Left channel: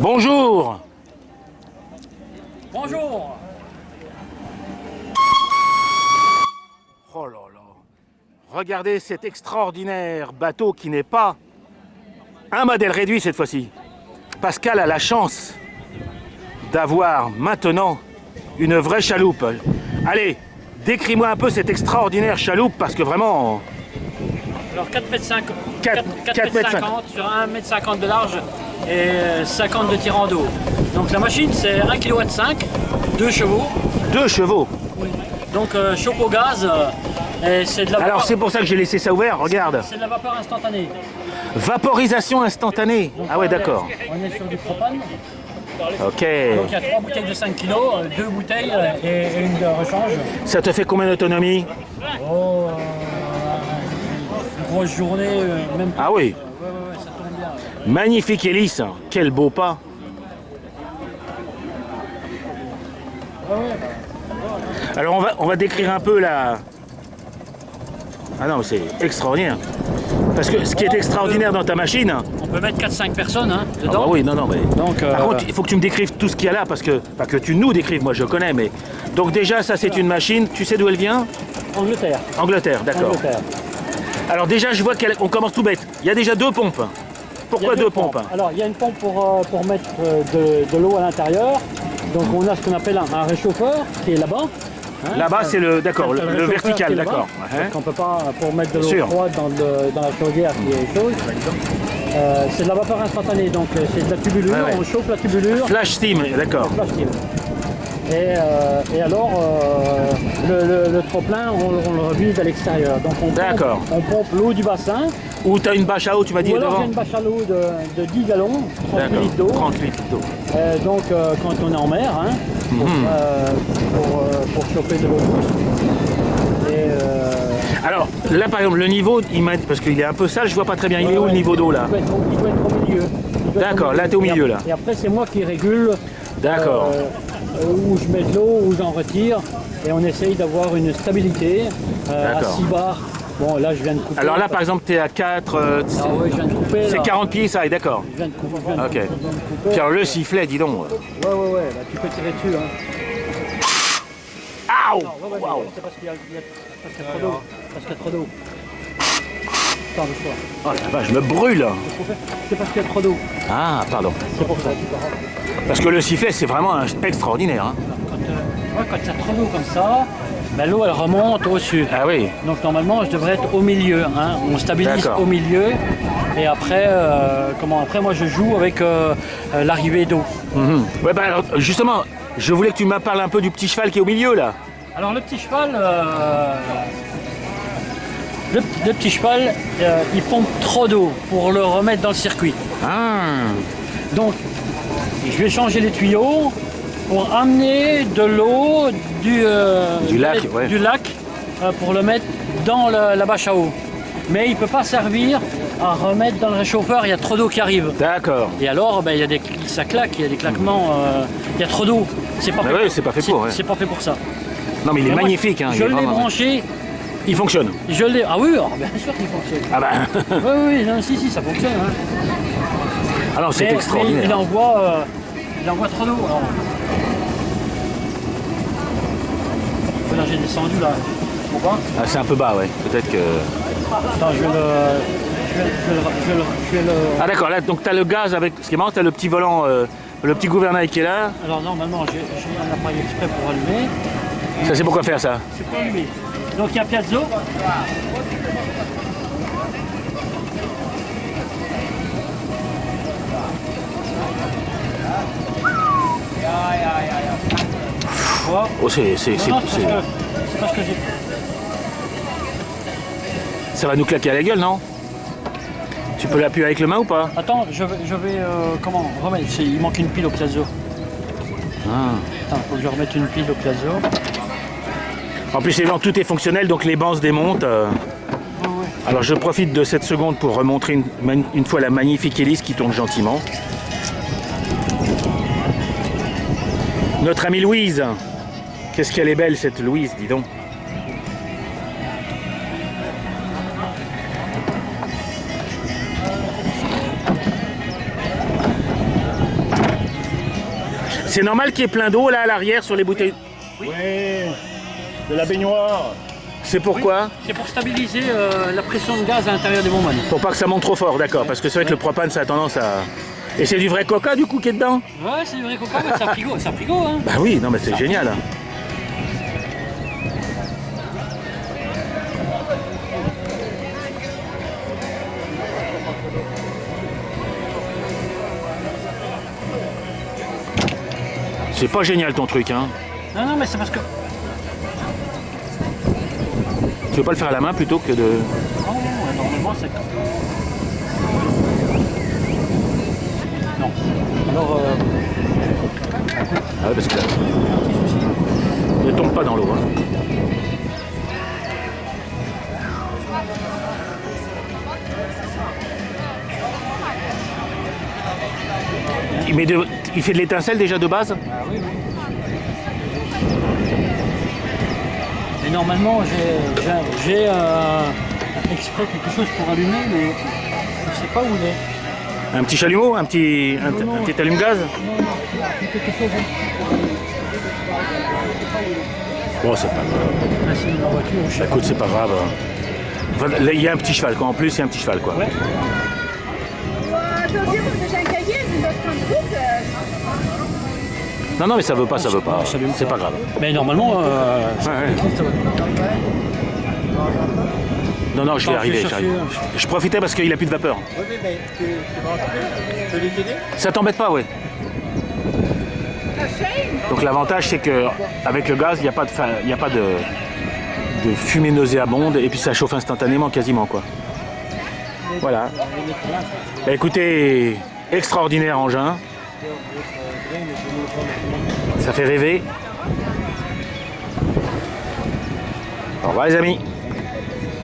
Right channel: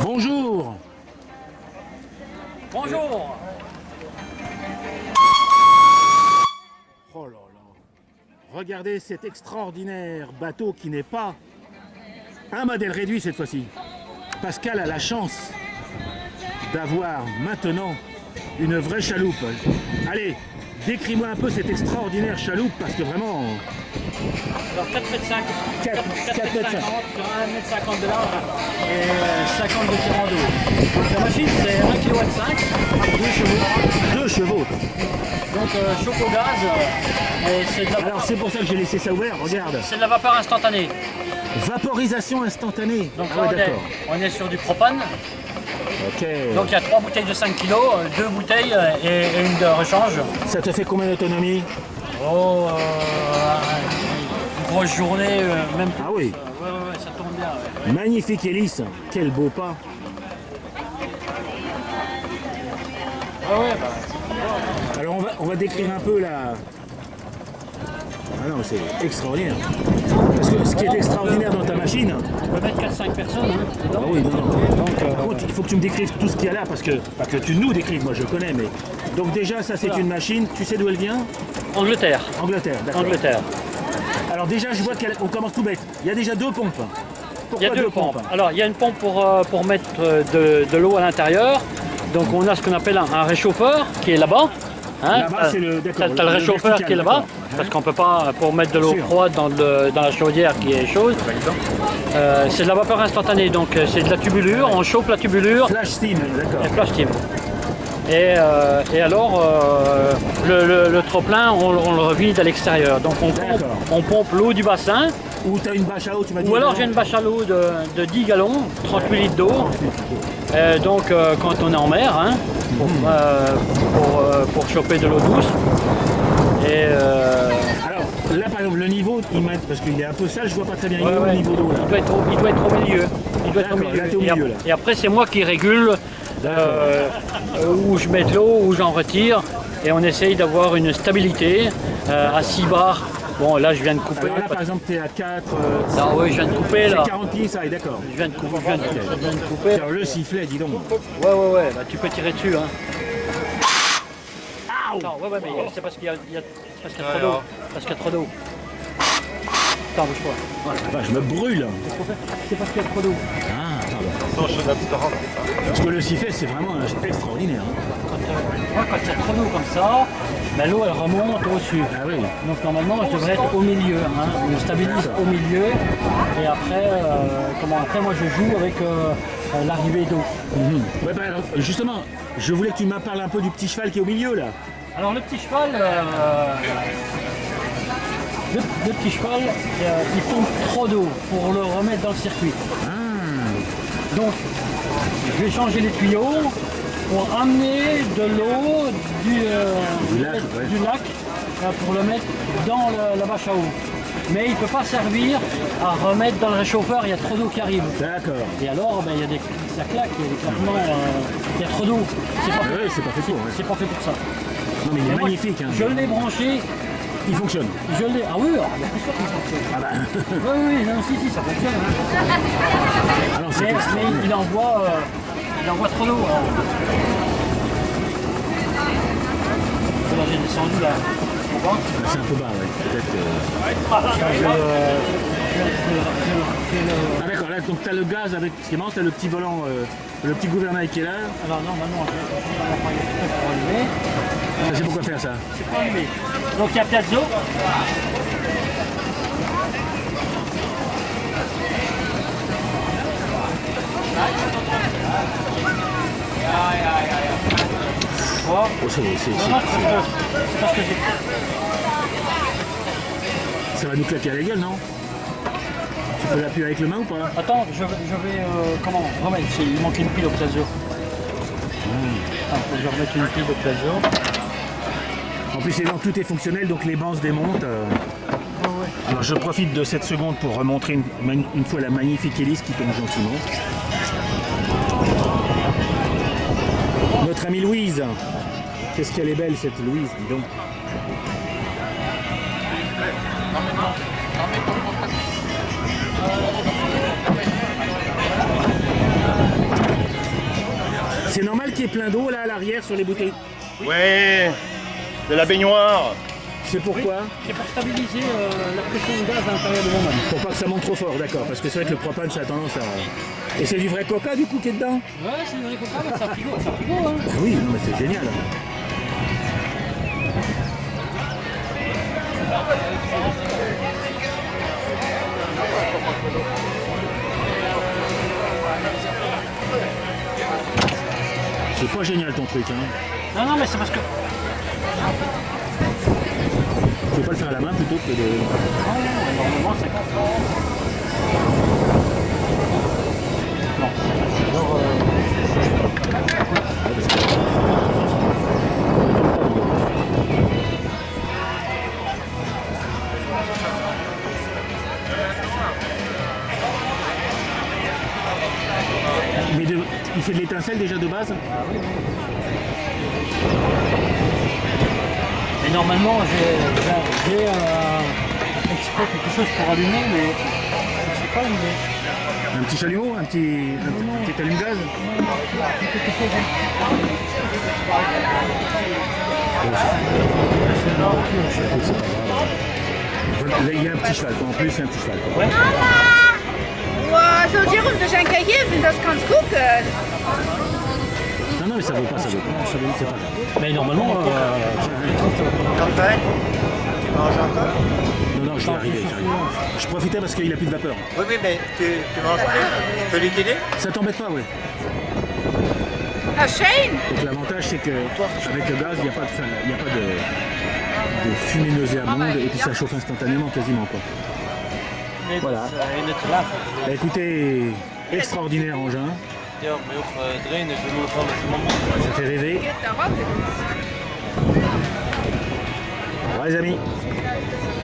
Bonjour. Bonjour. Oh là là. Regardez cet extraordinaire bateau qui n'est pas un modèle réduit cette fois-ci. Pascal a la chance d'avoir maintenant une vraie chaloupe. Allez, décris-moi un peu cette extraordinaire chaloupe parce que vraiment... Alors 4 mètres 5, 4 4 mètres 50 sur 1 mètre 50 de large et 50 de tirant d'eau. Donc la machine c'est 1,5 kg, 2 chevaux. 2 chevaux. Donc chauffe au gaz et c'est de la Alors vapeur, c'est pour ça que j'ai laissé ça ouvert, regarde. c'est de la vapeur instantanée. Vaporisation instantanée. Donc, Ah ouais, on est- d'accord. On est sur du propane. Ok. Donc il y a 3 bouteilles de 5 kg, 2 bouteilles et une de rechange. Ça te fait combien d'autonomie? Oh, une grosse journée, même plus. Ah oui. Ouais, ça tourne bien. Ouais. Magnifique hélice. Quel beau pas. Alors on va décrire un peu la... Ah non, mais c'est extraordinaire. Parce que ce qui est extraordinaire dans ta machine... On peut mettre 4-5 personnes hein, Ah dedans. bah oui, non, mais... Donc, Par contre, il faut que tu me décrives tout ce qu'il y a là, parce que... Pas que tu nous décrives, moi je connais, mais... Donc déjà, ça c'est une machine, tu sais d'où elle vient? Angleterre. Angleterre, d'accord. Angleterre. Alors déjà, je vois qu'on commence tout bête. Il y a déjà 2 pompes. Il y a Pourquoi 2 pompes? Alors, il y a une pompe pour mettre de l'eau à l'intérieur. Donc, on a ce qu'on appelle un réchauffeur qui est là-bas. Hein. Là-bas, c'est le... D'accord, T'as le réchauffeur vertical, qui est là-bas. d'accord. Parce qu'on peut pas, pour mettre de l'eau Sûr. froide dans la chaudière qui est chaude. C'est de la vapeur instantanée, donc c'est de la tubulure. Ouais. On chauffe la tubulure. Flash steam, d'accord. Flash steam. Et alors, le trop-plein, on le revide à l'extérieur. Donc D'accord. on pompe l'eau du bassin, Ou tu as une bâche à eau, tu m'as dit ou alors devant? j'ai une bâche à l'eau de 10 gallons, 38 D'accord. litres d'eau. 38 litres d'eau. Donc quand on est en mer, hein, pour choper de l'eau douce. Et Alors, là par exemple, le niveau, parce qu'il est un peu sale, je vois pas très bien. Il est où le niveau d'eau là? il doit être au milieu. Il doit être au D'accord, milieu. là, t'es au milieu, là. Et après c'est moi qui régule D'accord. où je mets de l'eau, où j'en retire. Et on essaye d'avoir une stabilité à D'accord. 6 bars. Bon, là, je viens de couper. Alors là, par exemple, tu es à 4... Ah oui, je viens de couper, c'est là. 40 pieds, ça, et d'accord. Je viens de couper, je viens de Ok. couper, je viens de couper. Tiens, le sifflet, dis donc. Ouais, là, tu peux tirer dessus, hein. Aouh! Non, ouais, mais c'est parce qu'il y a trop d'eau. Parce qu'il y a trop d'eau. Attends, bouge-toi. Oh la vache, je me brûle. C'est parce qu'il y a trop d'eau. Ah, pardon. Parce que le sifflet, c'est vraiment extraordinaire. Hein. Quand il y a trop d'eau comme ça, ben, l'eau, elle remonte au-dessus. Ah oui. Donc normalement, je devrais être au milieu. Hein. On stabilise D'accord. au milieu. Et après, après moi, je joue avec l'arrivée d'eau. Ouais, bah, alors, justement, je voulais que tu me parles un peu du petit cheval qui est au milieu, là. Alors le petit cheval, le petit cheval, il pompe trop d'eau pour le remettre dans le circuit. Ah. Donc, je vais changer les tuyaux pour amener de l'eau Du lac, ouais. du lac pour le mettre dans la bâche à eau. Mais il ne peut pas servir à remettre dans le réchauffeur, il y a trop d'eau qui arrive. D'accord. Et alors, ben, ça claque, il y a des claquements, il y a trop d'eau. C'est pas, Mais oui, c'est pas fait pour, ouais. c'est pas fait pour ça. Non, mais il est Mais moi, magnifique. Hein, je il est l'ai vraiment- branché, Il fonctionne. je l'ai. Ah oui, alors, bien sûr qu'il fonctionne. Ah bah. Oui, non, si, ça fonctionne. Hein. Alors, c'est Mais extraordinaire. il envoie trop d'eau. alors. Là, j'ai descendu là. Tu comprends? Ah, c'est un peu bas, ouais. Peut-être que... Attends, je vais le. Ah d'accord, là, donc tu as le gaz avec... Ce qui est marrant, tu as le petit volant, le petit gouvernail qui est là. Alors, normalement, j'ai un appareil exprès pour allumer. Ça, c'est pourquoi faire ça? C'est pas allumé. Donc, il y a Piazzo. Voilà. Oh, c'est... Non, c'est parce que j'ai. Ça va nous claquer à la gueule, non? Tu peux l'appuyer avec le main ou pas? Attends, je vais comment remettre. Il manque une pile au Piazzo. Attends, faut que je remette une pile au Piazzo. En plus, évidemment, tout est fonctionnel, donc les bancs se démontent. Alors, je profite de cette seconde pour remontrer une fois la magnifique hélice qui tourne gentiment. Notre amie Louise. Qu'est-ce qu'elle est belle, cette Louise, dis donc. C'est normal qu'il y ait plein d'eau là à l'arrière sur les bouteilles. Ouais, de la baignoire. C'est pourquoi? C'est pour stabiliser la pression de gaz à l'intérieur du bonbonne. Pour pas que ça monte trop fort, d'accord. Parce que c'est vrai que le propane, ça a tendance à... Et c'est du vrai coca du coup qui est dedans? Ouais, c'est du vrai coca, mais c'est un frigo, hein. Bah oui, non mais c'est génial. C'est pas génial ton truc, hein. Non, non, mais c'est parce que... Tu veux pas le faire à la main plutôt que de... Non, non, normalement c'est... Non. Alors, Ouais, parce que... Ne tombe pas dans l'eau, hein. Il fait de l'étincelle déjà de base? ah oui, oui. Et normalement, j'ai exprès quelque chose pour allumer, mais je ne sais pas où il est. Un petit chalumeau? Un petit allume-gaz? Bon, C'est ma voiture, je sais pas. écoute, c'est pas grave. Enfin, là, il y a un petit cheval, quoi. En plus, il y a un petit cheval, quoi. Ouais. Also wir rufen durch ein Karriere, das kannst gucken. Non, non, mais ça veut pas. C'est pas grave. Mais normalement, je trouve que ça va pas. Non, non, je vais Attends, arriver. je vais j'arrive. chercher. Je profitais parce qu'il a plus de vapeur. Oui, oui, mais tu manges plus. Je peux l'utiliser. Ça t'embête pas, ouais. Das ist schön. Donc l'avantage, c'est que avec le gaz, il n'y a pas de fumée nauséabonde et puis ça chauffe instantanément, quasiment, quoi. Voilà. Bah, écoutez, extraordinaire engin. Ça fait rêver. Au revoir les amis.